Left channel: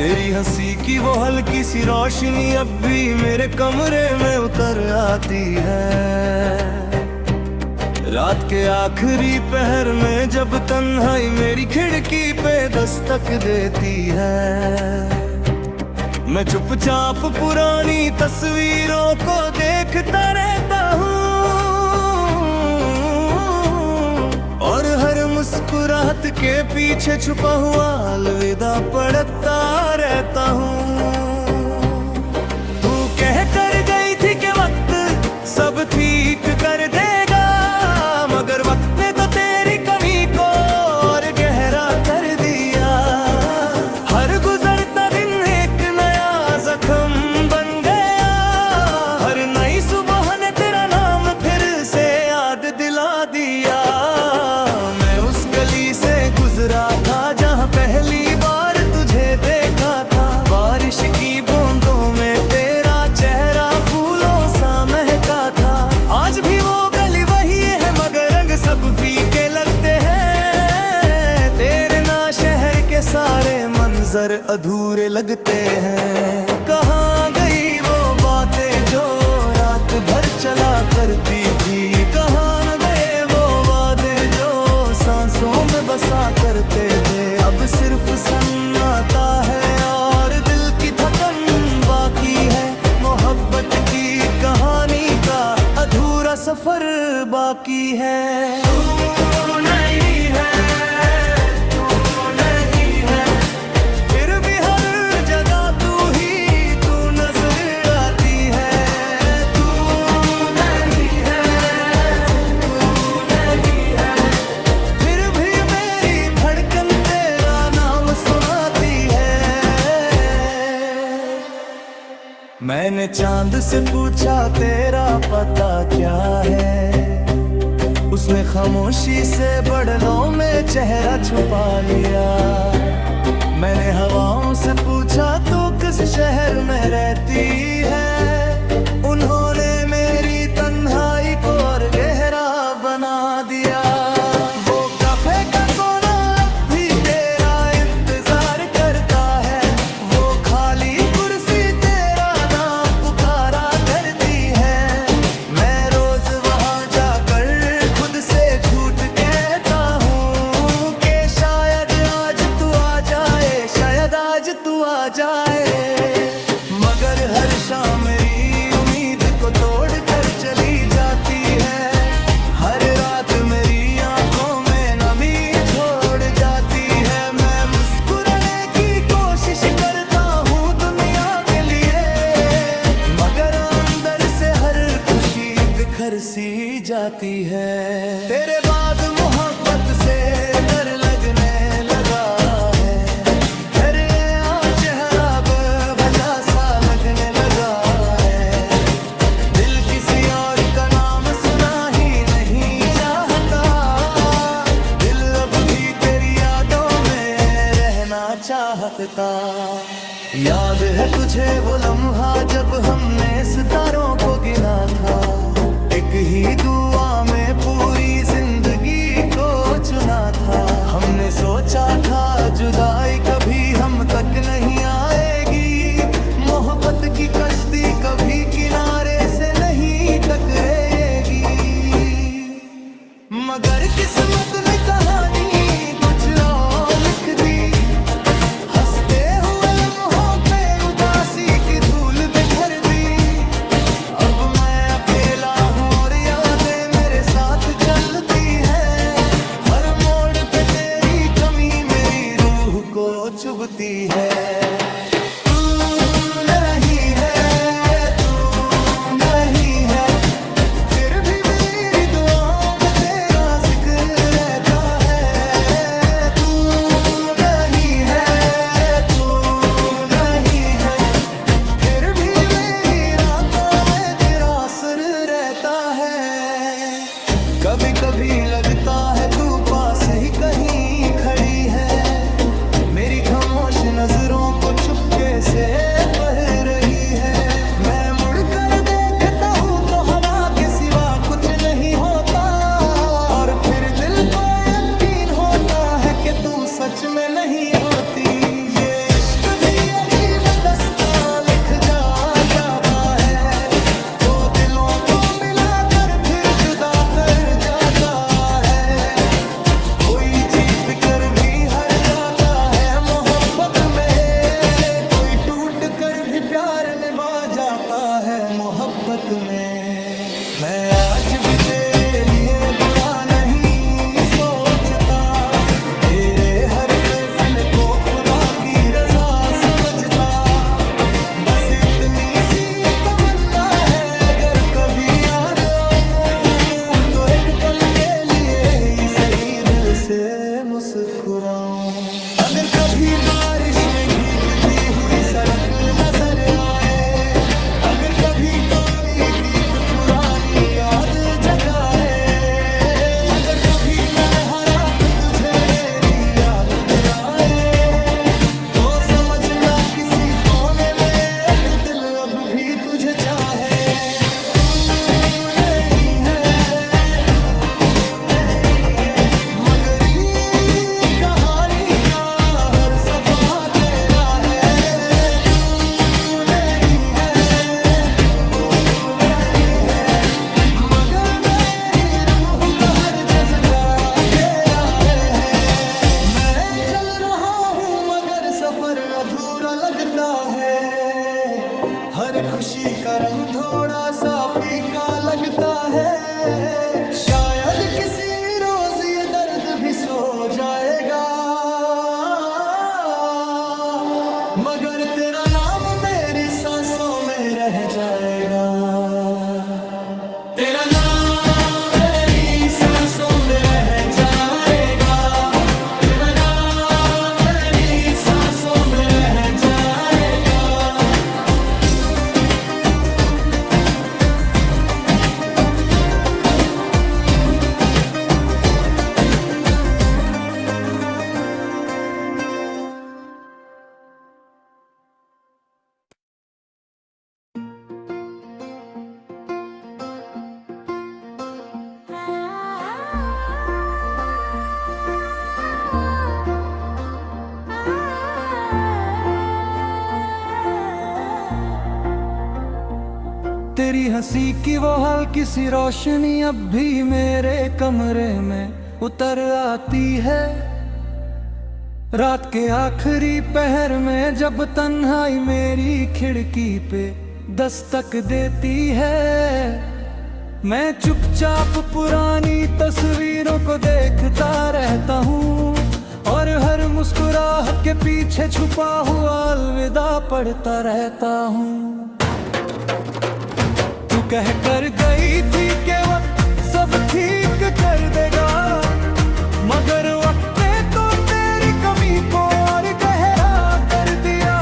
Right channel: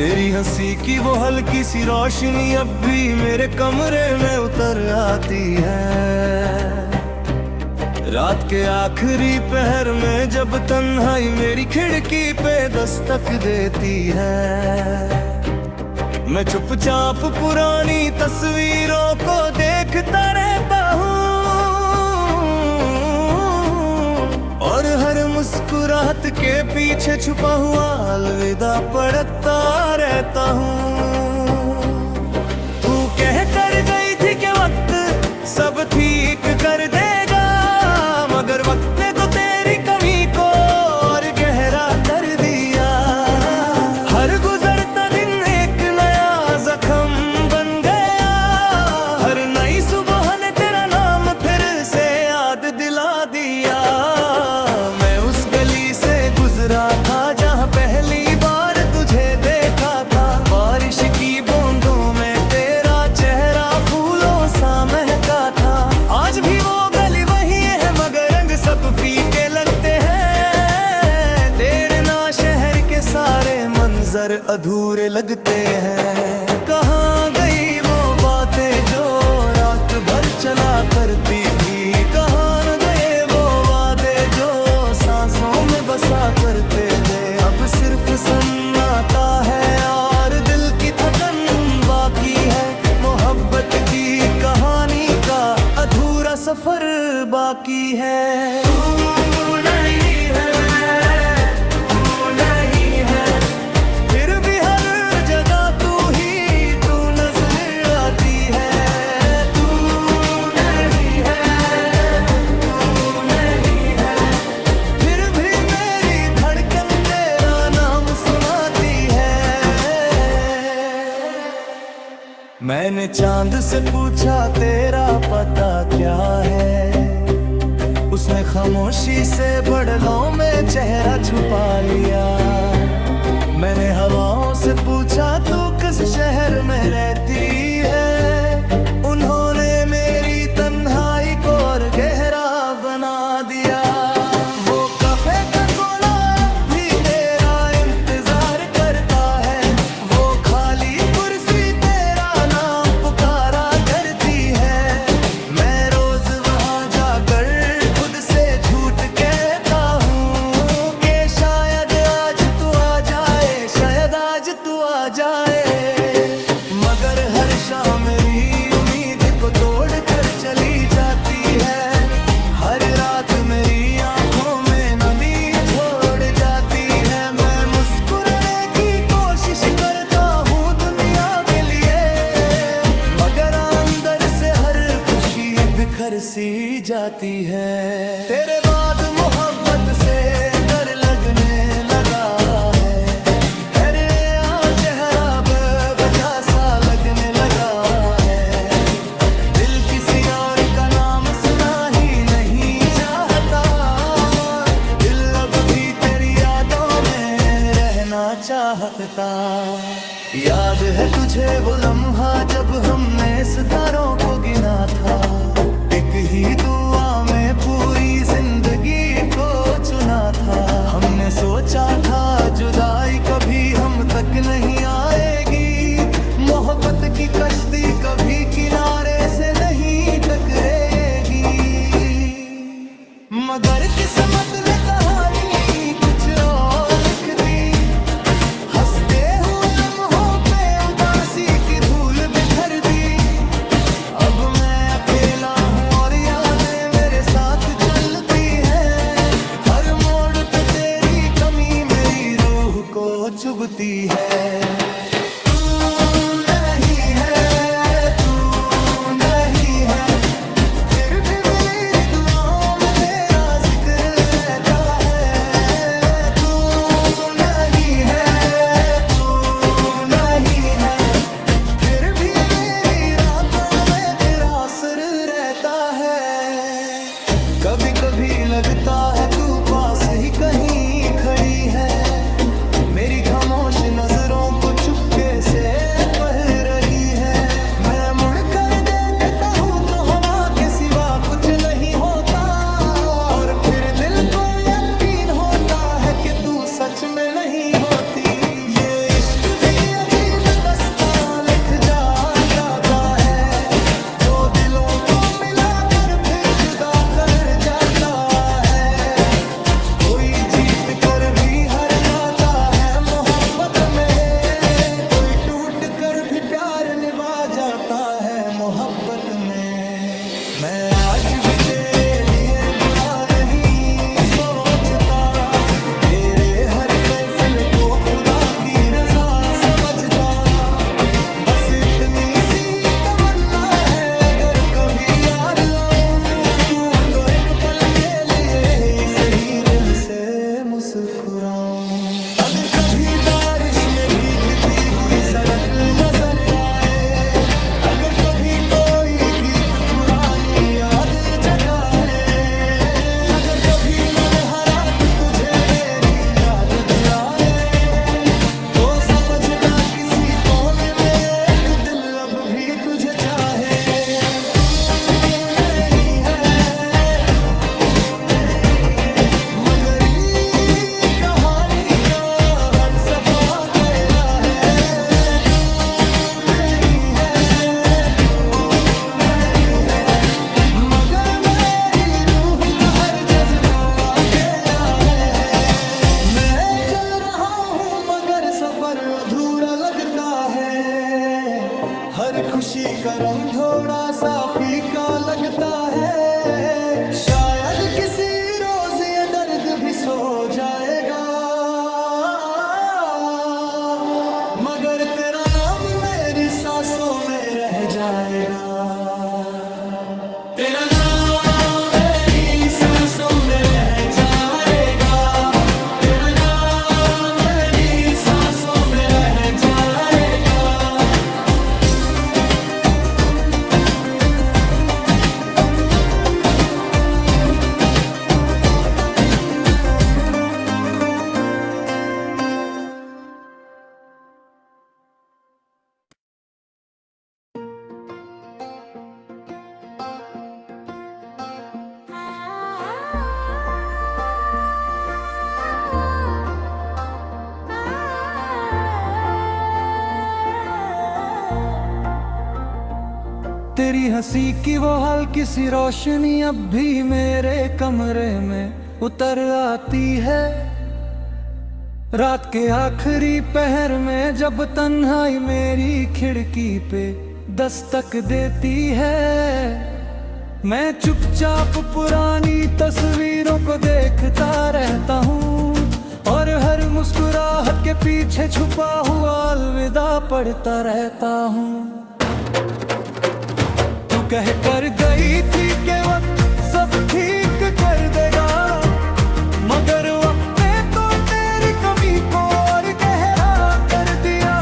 तेरी हंसी की वो हल्की सी रोशनी अब भी मेरे कमरे में उतर आती है। रात के आखिरी पहर में जब तन्हाई मेरी खिड़की पे दस्तक देती है, मैं चुपचाप पुरानी तस्वीरों को देखता रहता हूँ और हर मुस्कुराहट के पीछे छुपा हुआ अलविदा पढ़ता रहता हूँ। तू कह कर गई थी कि वक्त सब ठीक कर देगा, मगर वक्त ने तो तेरी कमी को और गहरा कर दिया। हर गुजरता दिन एक नया जख्म बन गया, हर नई सुबह ने तेरा नाम फिर से याद दिला दिया। मैं उस गली से गुजरा था जहाँ पहली बार तुझे देखा था, बारिश की बूंदों में तेरा चेहरा फूलों सा महका था। आज भी वो गली वही है मगर रंग सब फीके लगते हैं, तेरे ना शहर के सारे मंजर अधूरे लगते हैं। कहाँ गई वो बातें जो रात भर चला करती थी, कहाँ न गए वो वादे जो सांसों में बसा करते थे। अब सिर्फ सन्नाटा है और दिल की थकन बाकी है, मोहब्बत की कहानी का अधूरा सफर बाकी है। तू नहीं है, तू नहीं है, फिर भी हर जगह तू ही तू नजर आती है। तू नहीं है, तू नहीं है, फिर भी मेरी धड़कन तेरा नाम सुनाती है। मैंने चांद से पूछा तेरा पता क्या है, उसने खामोशी से बदलों में चेहरा छुपा लिया। मैंने हवाओं से पूछा तू किस शहर में रहती है, उन्होंने मेरी तन्हाई को और गहरा बना दिया। वो कैफे का कोना अब भी तेरा इंतजार करता है, वो खाली कुर्सी तेरा नाम पुकारा करती है। मैं रोज वहां जाकर खुद से झूठ कहता हूँ कि शायद आज तू आ जाए, शायद आज तू आ जाए, मगर हर शाम मेरी उम्मीद को तोड़ कर चली जाती है। हर रात मेरी आंखों में नमी छोड़ जाती है। मैं मुस्कुराने की कोशिश करता हूँ दुनिया के लिए, मगर अंदर से हर खुशी बिखर सी जाती है। तेरे बाद मोहब्बत से डर लगने लगा है, अरे आ चेहरा बेवजह सा लगने लगा है। दिल किसी और का नाम सुना ही नहीं चाहता, दिल अब भी तेरी यादों में रहना चाहता। याद है तुझे वो लम्हा जब हमने सितारों को गिना था, एक ही दुआ में पूरी जिंदगी को चुना था। हमने सोचा था जुदाई कभी हम तक नहीं आएगी, मोहब्बत की कश्ती कभी किनारे से नहीं टकराएगी, मगर किस्मत ने कहानी कुछ और लिख दी। हंसते हुए लम्हों पे उदासी की धूल बिखर दी। अब मैं अकेला हूँ और यादें मेरे साथ चलती हैं, हर मोड़ पे तेरी कमी मेरी रूह को चुभती है। तू नहीं है, तू नहीं है, फिर भी मेरी दुआओं में तेरा जिक्र रहता है। तू नहीं है, तू नहीं है, फिर भी मेरी रातों में तेरा असर रहता है। कभी कभी लगता है तू पास ही कहीं खड़ी है, मेरी खामोश नजरों को चुपके से पढ़ रही है। मैं मुड़कर देखता हूँ तो हवा के सिवा कुछ नहीं होता, और फिर दिल को यकीन होता है कि तू सच में नहीं होती। ये इश्क भी अजीब दस्तां लिख जाता है, दो दिलों को मिलाकर फिर जुदा कर जाता है। कोई जीत कर भी हार जाता है मोहब्बत में, कोई टूट कर भी प्यार निभा जाता है मोहब्बत में। मैं आज भी तेरे लिए बुरा नहीं सोचता, तेरे हर फैसले को खुदा की रजा समझता। बस इतनी सी तमन्ना है, अगर कभी याद आऊं तो एक पल के लिए ही सही दिल से मुस्कुराऊं। अगर कभी बारिश में भीगती हुई सड़क नजर आए, अगर कभी कोई गीत पुरानी याद जगाए, अगर कभी तन्हा रात तुझे मेरी याद दिलाए, तो समझना किसी कोने में एक दिल अब भी तुझे चाहे। तू नहीं है, मगर ये कहानी का हर सफा तेरा है। तू नहीं है, मगर मेरी रूह का हर जज्बा तेरा है। मैं चल रहा हूँ मगर सफर अधूरा लगता है, हर खुशी का रंग थोड़ा सा फीका लगता है। शायद किसी रोज ये दर्द भी सो जाएगा, मगर तेरा नाम मेरी सांसों में रह जाएगा। तेरा नाम मेरी सांसों में रह जाएगा, तेरा नाम मेरी सांसों में रह जाएगा। तेरी हंसी की वो हल्की सी रोशनी अब भी मेरे कमरे में उतर आती है। रात के आखिरी पहर में जब तन्हाई मेरी खिड़की पे दस्तक देती है, मैं चुपचाप पुरानी तस्वीरों को देखता रहता हूँ और हर मुस्कुराहट के पीछे छुपा हुआ अलविदा पढ़ता रहता हूँ। कह कर गई थी कि वक्त सब ठीक कर देगा, मगर वक्त ने तो तेरी कमी को और गहरा कर दिया।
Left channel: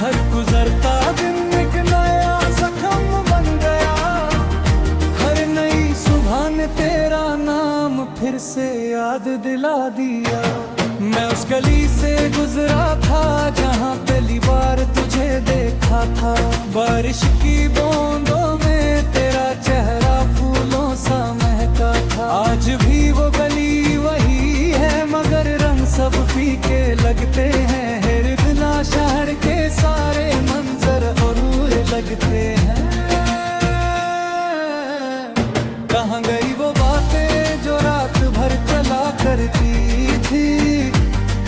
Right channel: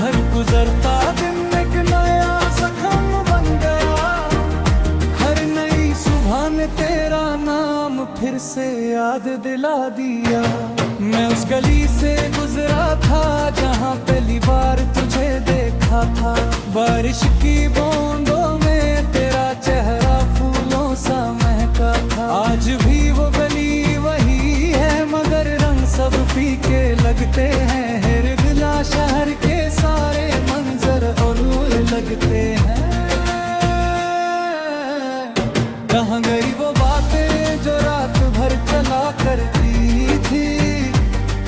हर गुजरता दिन एक नया जख्म बन गया, हर नई सुबह ने तेरा नाम फिर से याद दिला दिया। मैं उस गली से गुजरा था जहाँ पहली बार तुझे देखा था, बारिश की बूंदों में तेरा चेहरा फूलों सा महका था। आज भी वो गली वही है मगर रंग सब फीके लगते हैं, हिरदला शहर के सारे मंजर अधूरे लगते हैं। कहाँ गई वो बातें जो रात भर चला करती थी,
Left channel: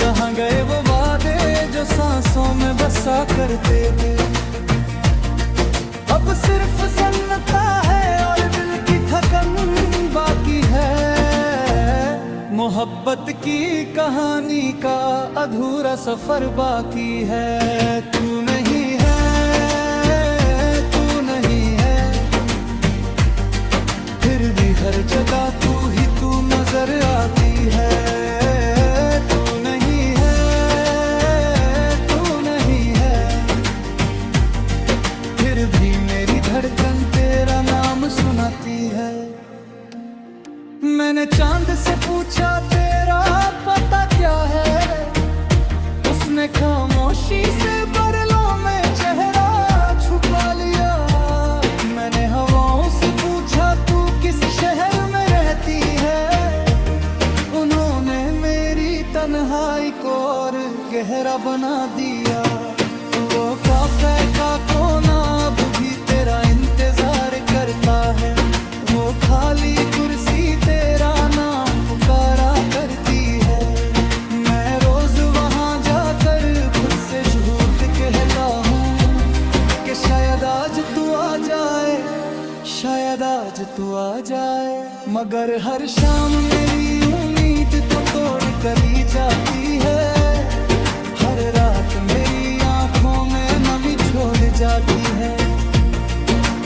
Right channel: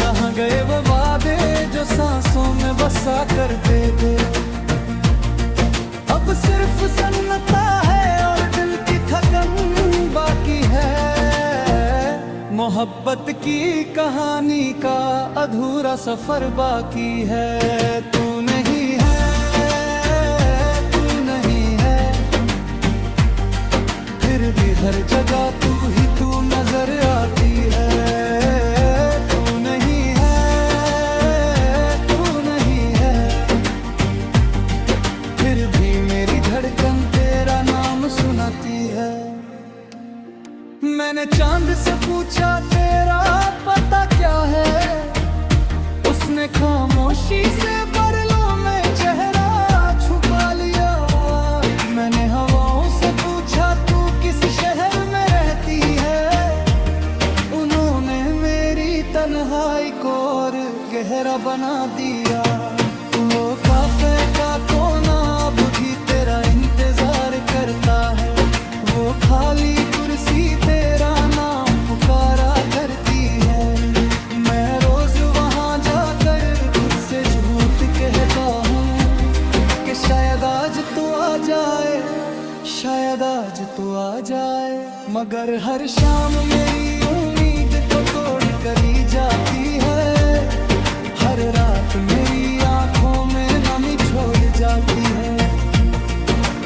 कहाँ गए वो वादे जो सांसों में बसा करते थे। अब सिर्फ सन्नता है और दिल की थकन बाकी है, मोहब्बत की कहानी का अधूरा सफर बाकी है। तू नहीं है, तू नहीं है, फिर भी हर जगह तू नजर आती है। तू नहीं है, तू नहीं है, फिर भी मेरी धड़कन तेरा नाम सुनाती है। मैंने चांद से पूछा तेरा पता क्या है, उसने खामोशी से बादलों में चेहरा छुपा लिया। मैंने हवाओं से पूछा तू किस शहर में रहती है, उन्होंने मेरी तन्हाई को और गहरा बना दिया। वो काफे का कोना अब भी तेरा इंतजार करता है। वो खाली कुर्सी तेरा नाम पुकारा करती है। मैं रोज वहाँ जाकर खुद से झूठ कहता हूँ कि शायद आज तू आ जाए, शायद आज तू आ जाए। मगर हर शाम मेरी उम्मीद को तोड़ कर ही जाती है। हर रात मेरी आंखों में नमी छोड़ जाती है।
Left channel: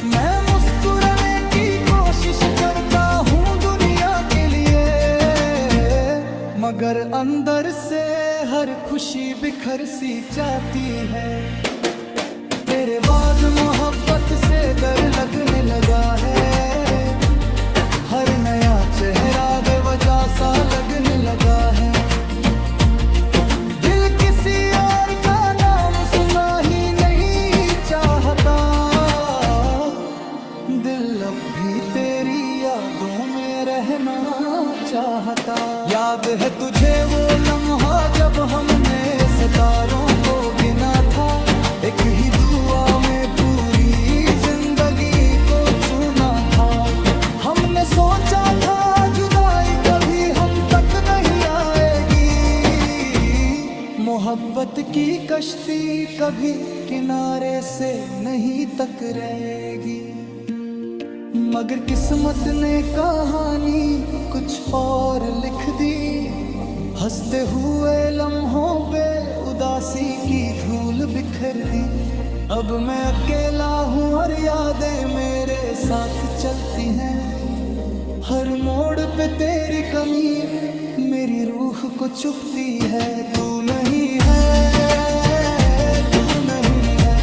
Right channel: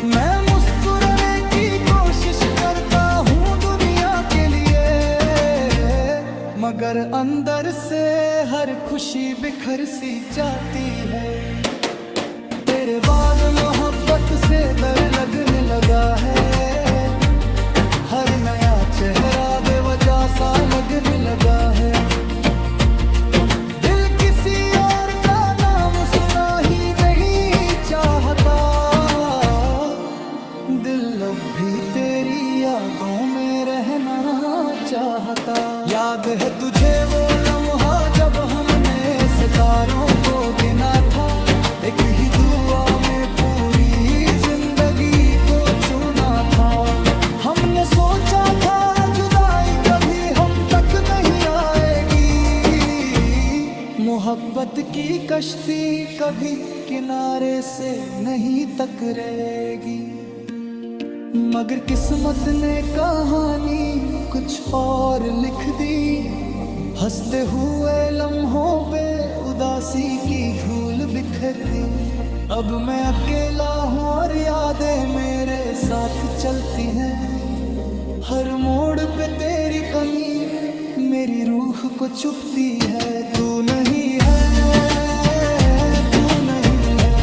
मैं मुस्कुराने की कोशिश करता हूँ दुनिया के लिए, मगर अंदर से हर खुशी बिखर सी जाती है। तेरे बाद मोहब्बत से डर लगने लगा है। हर नया चेहरा बेवजह सा लगने लगा है। दिल किसी और का नाम सुना ही नहीं चाहता। दिल अब भी तेरी यादों में रहना चाहता। याद है तुझे वो लम्हा जब हमने सितारों को गिना था। एक ही दुआ में पूरी जिंदगी को चुना था। हमने सोचा था जुदाई कभी हम तक नहीं आएगी। मोहब्बत की कश्ती कभी किनारे से नहीं टकराएगी। मगर किस्मत ने कहानी कुछ और लिख दी। हंसते हुए लम्हों पे उदासी की धूल बिखर दी। अब मैं अकेला हूँ और यादें मेरे साथ चलती हैं। हर मोड़ पे तेरी कमी मेरी रूह को चुभती है। तू नहीं है, तू नहीं है,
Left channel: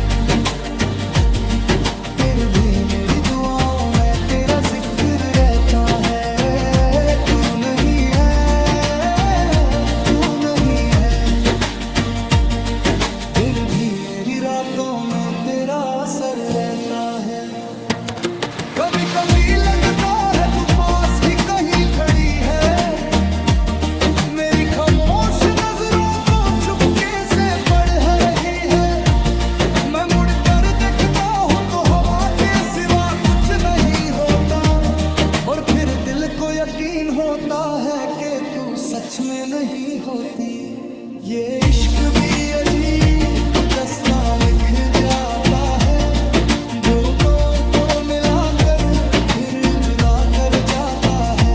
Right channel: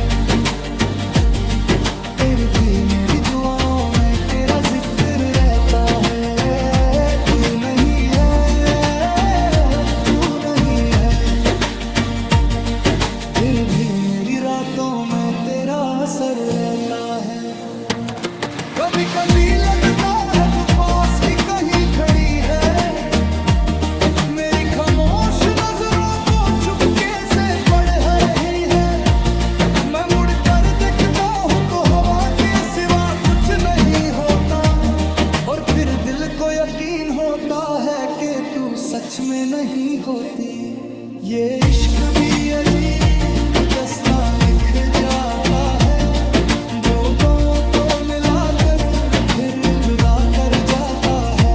फिर भी मेरी दुआओं में तेरा जिक्र रहता है। तू नहीं है, तू नहीं है, फिर भी मेरी रातों में तेरा असर रहता है। कभी कभी लगता है तू पास ही कहीं खड़ी है। मेरी खामोश नजरों को चुपके से पढ़ रही है। मैं मुड़ कर देखता हूँ तो हवा के सिवा कुछ नहीं होता। और फिर दिल को यकीन होता है कि तू सच में नहीं होती। ये इश्क भी अजीब दास्तां लिख जाता है। दो को मिलाकर फिर जुदा कर जाता है।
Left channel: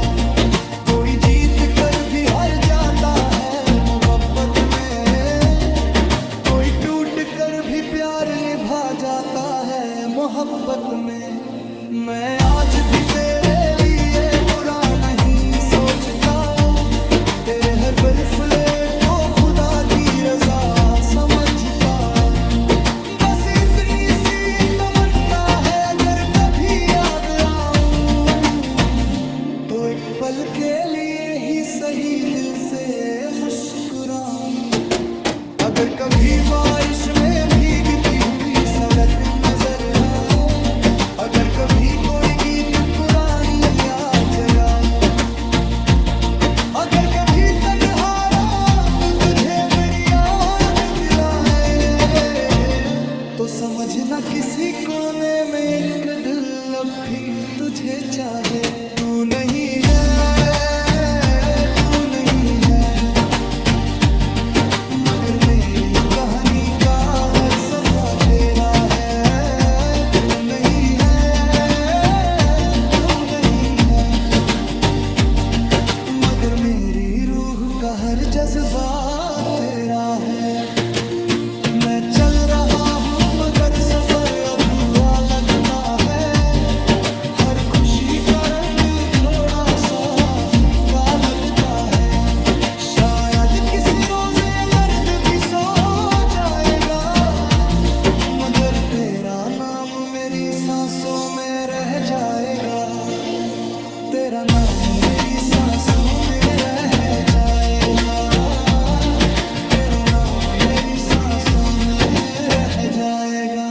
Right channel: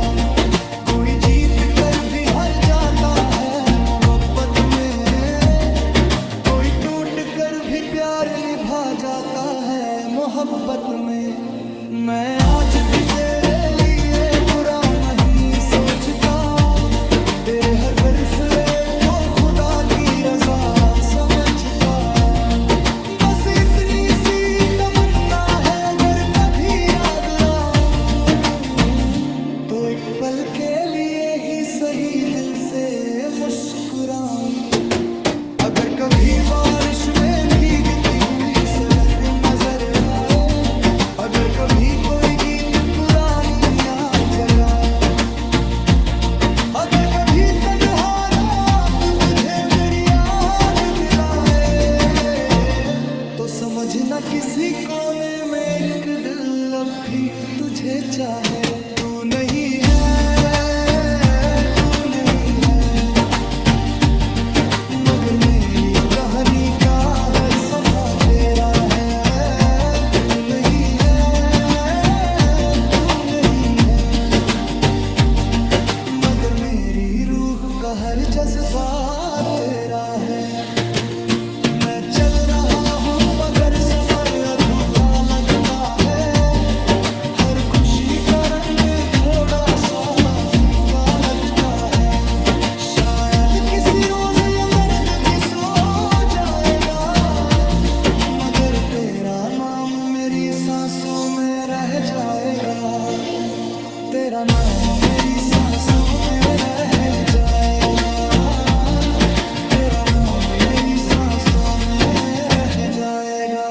कोई जीत कर भी हार जाता है मोहब्बत में। कोई टूट कर भी प्यार निभा जाता है मोहब्बत में। मैं आज भी तेरे लिए बुरा नहीं सोचता। तेरे हर फैसले को खुदा की रजा समझता। बस इतनी सी तमन्ना है अगर कभी याद आऊं तो एक पल के लिए ही सही दिल से मुस्कुराऊं। अगर कभी बारिश में भीगती हुई सड़क नजर आए। अगर कभी कोई गीत पुरानी याद जगाए। अगर कभी तन्हा रात तुझे मेरी याद दिलाए। तो समझना किसी कोने में एक दिल अब भी तुझे चाहे। तू नहीं है, तू नहीं है, मगर मेरी कहानी का हर सफा तेरा है। तू नहीं है, तू नहीं है, मगर मेरी रूह का हर जज्बा तेरा है। मैं चल रहा हूँ मगर सफर अधूरा लगता है। हर खुशी का रंग थोड़ा सा फीका लगता है। शायद किसी रोज ये दर्द भी सो जाएगा। मगर तेरा नाम मेरी सांसों में रह जाएगा। तेरा नाम मेरी सांसों में रह जाएगा। तेरा नाम मेरी सांसों में रह जाएगा।